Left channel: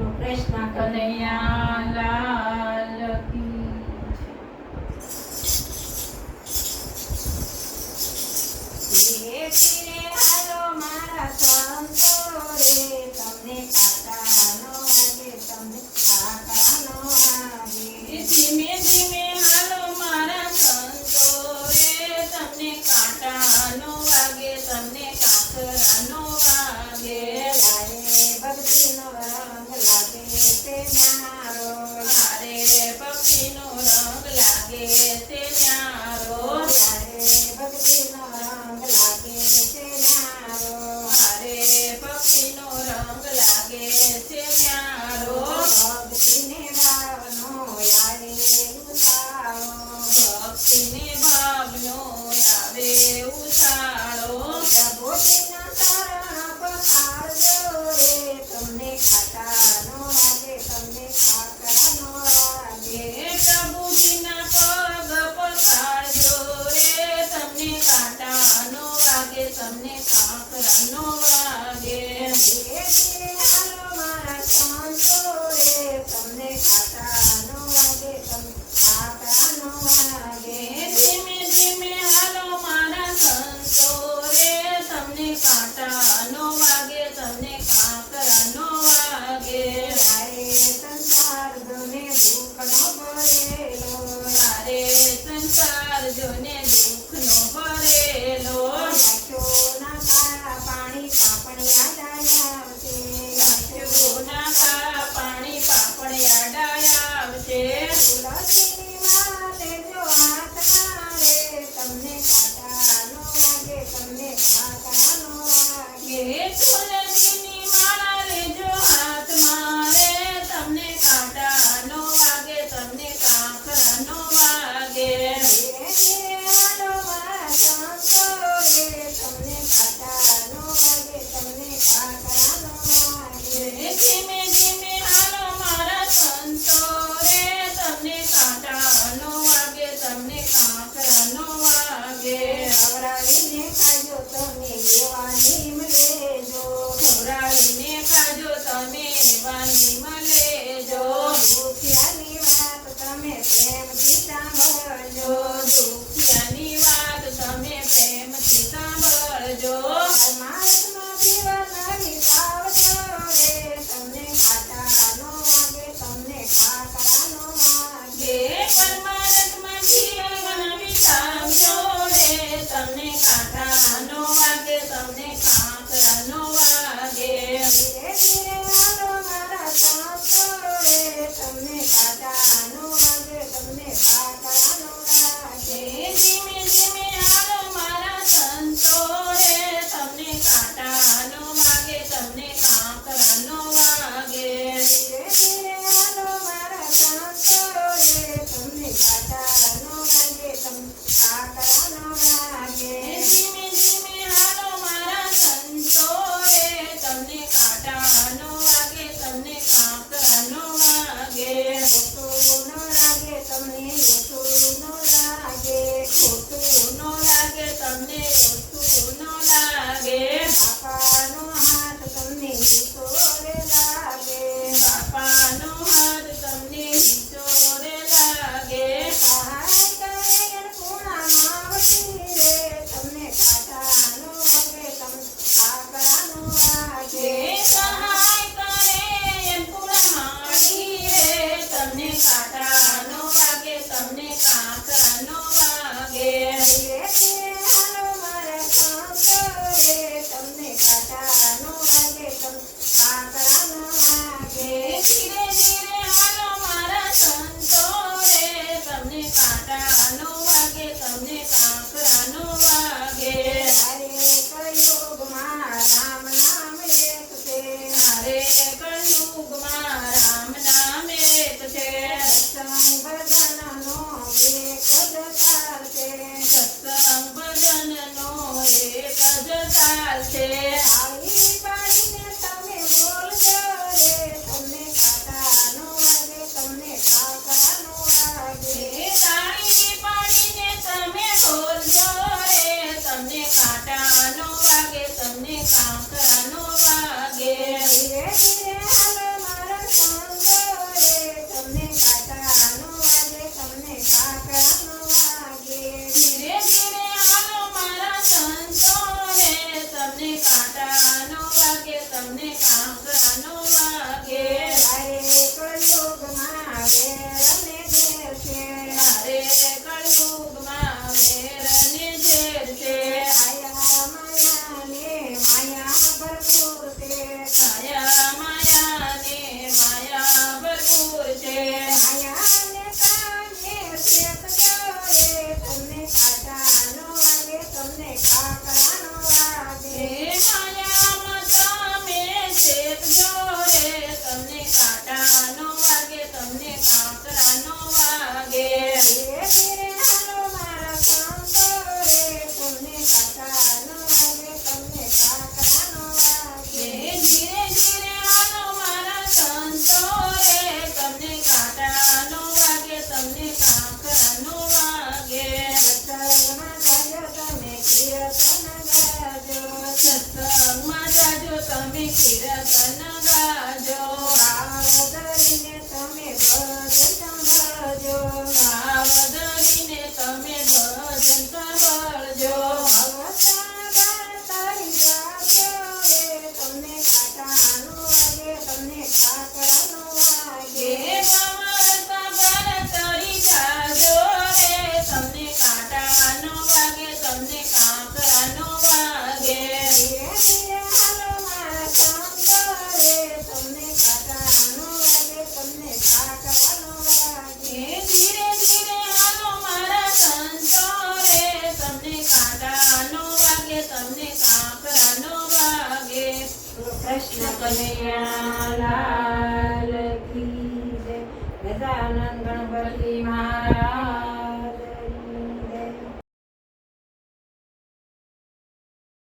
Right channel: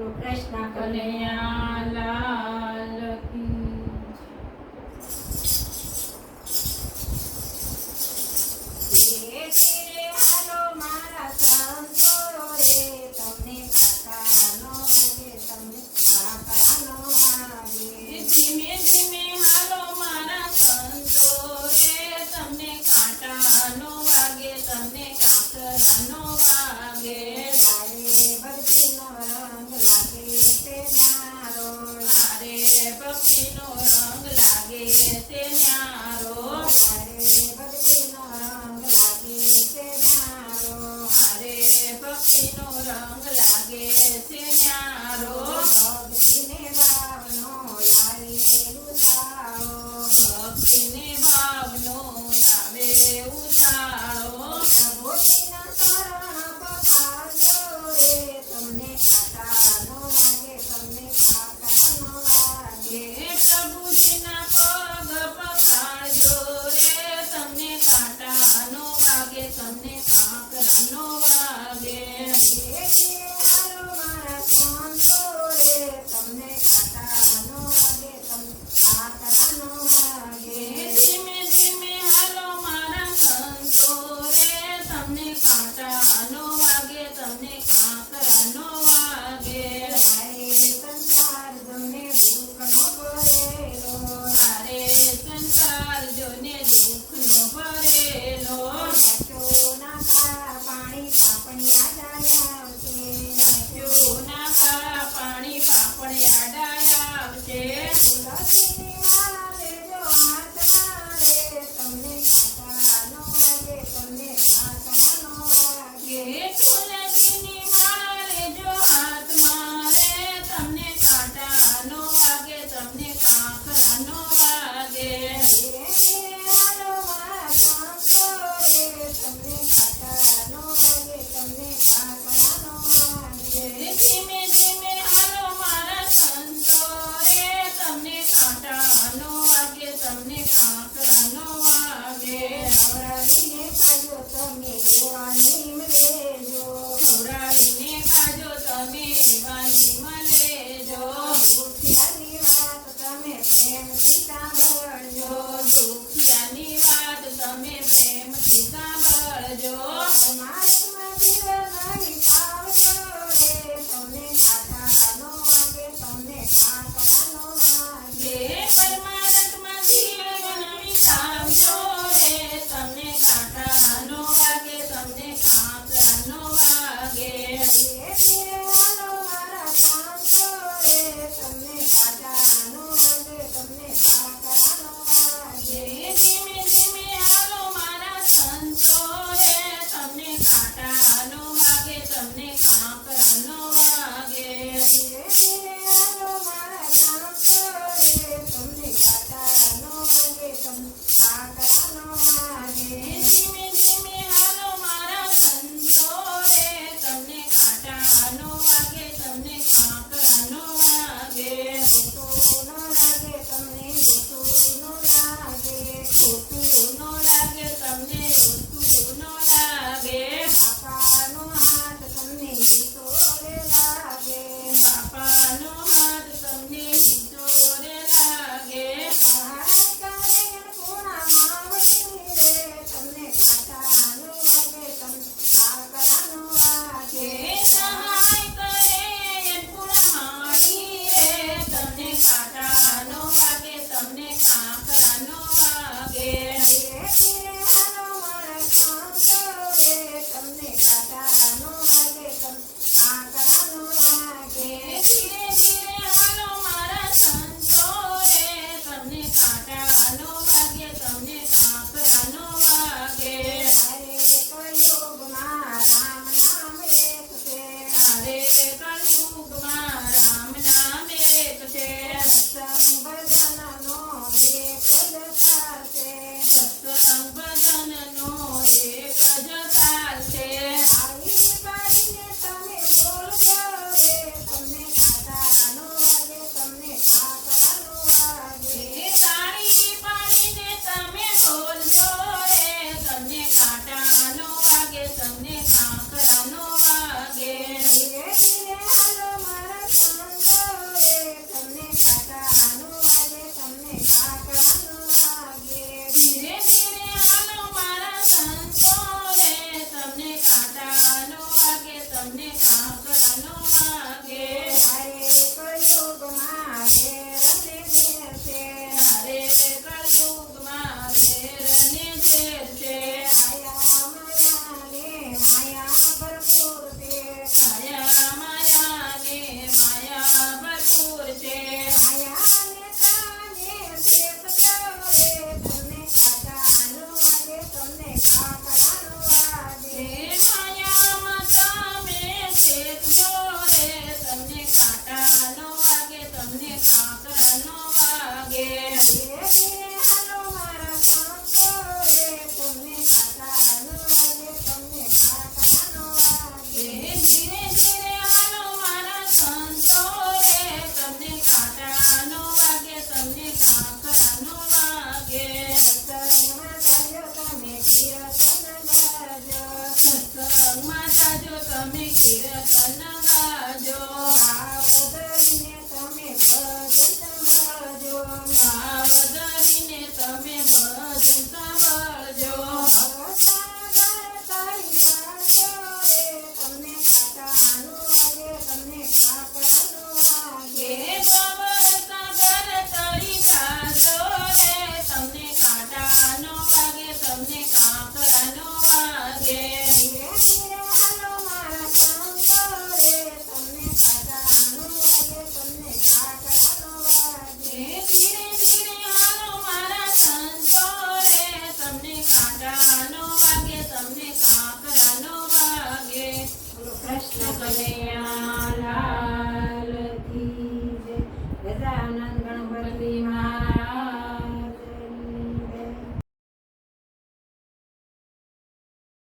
બોલો કૃષ્ણ કનૈયા લાલ કી ધીરે ધીરે હાલો મારા સંતો રે, તમને કાકાનો વાગે, તમને કાકાનો વાગે. ધીમે ધીમે હાલો મારા સંતો રે, તમને કાંટાનો વાગે, તમને કાકરાનો વાગે. ત્યારે ભક્તિનો રંગ લાગે તે ન્યારો, મારે ભક્તિનો રંગ લાગે તે ન્યારો. ત્યારે ભક્તિનો રંગ લાગે તે ન્યારો. મારે ભક્તિનો રંગ લાગે છે ન્યારો. ભક્તિને ભાવનો યારે ઉતારો, ભક્તિને ભાવનો આવે ઉછાળો. પ્રભુજીના ચરણ પખાળજો રે, તમને કાકાનો વાગે, તમને કાકરાનો વાગે. પ્રભુજીના પગ પખાળજો રે, તમને કાંટાનો વાગે, તમને કાંકરાનો વાગે. ધીરે ધીરે હાલો મારા સંતો રે, તમને કાકાનો વાગે, તમને કાકરાનો વાગે. ધીમે ધીમે હાલો મારા સંતો રે, તમને કાંટાનો વાગે, તમને કાંકરાનો વાગે. મારે સંસાર ગમે દુઃખનો ભરેલો, મારે સંસાર જોને દુઃખનો ભરેલો. નાખ્યોના કાળા પાણી પાપણિયા ડાયા છે, નાખ્યોના કાળા પાણી પાપણિયા ડાયા આવશે. તુલસીની માળા લેજો હાથમાં રે, તમને કાંટાનો વાગે, તમને કાકરાનો વાગે. તુલસીની માળા લેજો હાથમાં રે, તમને કાંટાનો વાગે, તમને કાંકરાનો વાગે. ધીરે ધીરે હાલો મારા સંતો રે, તમને કાંટાનો વાગે, તમને કાકરાનો વાગે. ધીમે ધીમે હાલો મારા સંતો રે, તમને કાંટાનો વાગે, તમને કાંકરાનો વાગે. ખવડાવીને ખાજો તમે એવાની લેજો, ખવડાવીને ખાજો તમે એવાની લેજો. દુખિયાની વાત તમે પ્રેમથી સાંભળજો, દુખિયાની વાત તમે પ્રેમથી સાંભળજો. પરમાર્થમાં જીવન વિતાવજો રે, તમને તમને કાંકરાનો વાગે. સત્સંગમાં જાજો તમે કીર્તન ગાજો. સત્સંગમાં જાજો તમે કીર્તન ગાજો. ભાવ ધરીને તમે ભજન સંભળજો. ભાવ ધરીને તમે ભજન સંભળજો. ભગવતા ગાતારી જાજો રે, તમને કાંટાનું વાગે, તમને કાકરાનું વાગે. ગમતા ગરતરી જાજો રે, તમને કાંટાનો વાગે, તમને કાંકરાનો વાગે. ધીરે ધીરે હાલો મારા સંતો રે, તમને કાંટાનું વાગે, તમને કાકરાનું વાગે. ધીરે ધીરે હાલો મારા સંતો રે, તમને કાંટાનો વાગે, તમને કાંકરાનો વાગે. કૃષ્ણ કનૈયા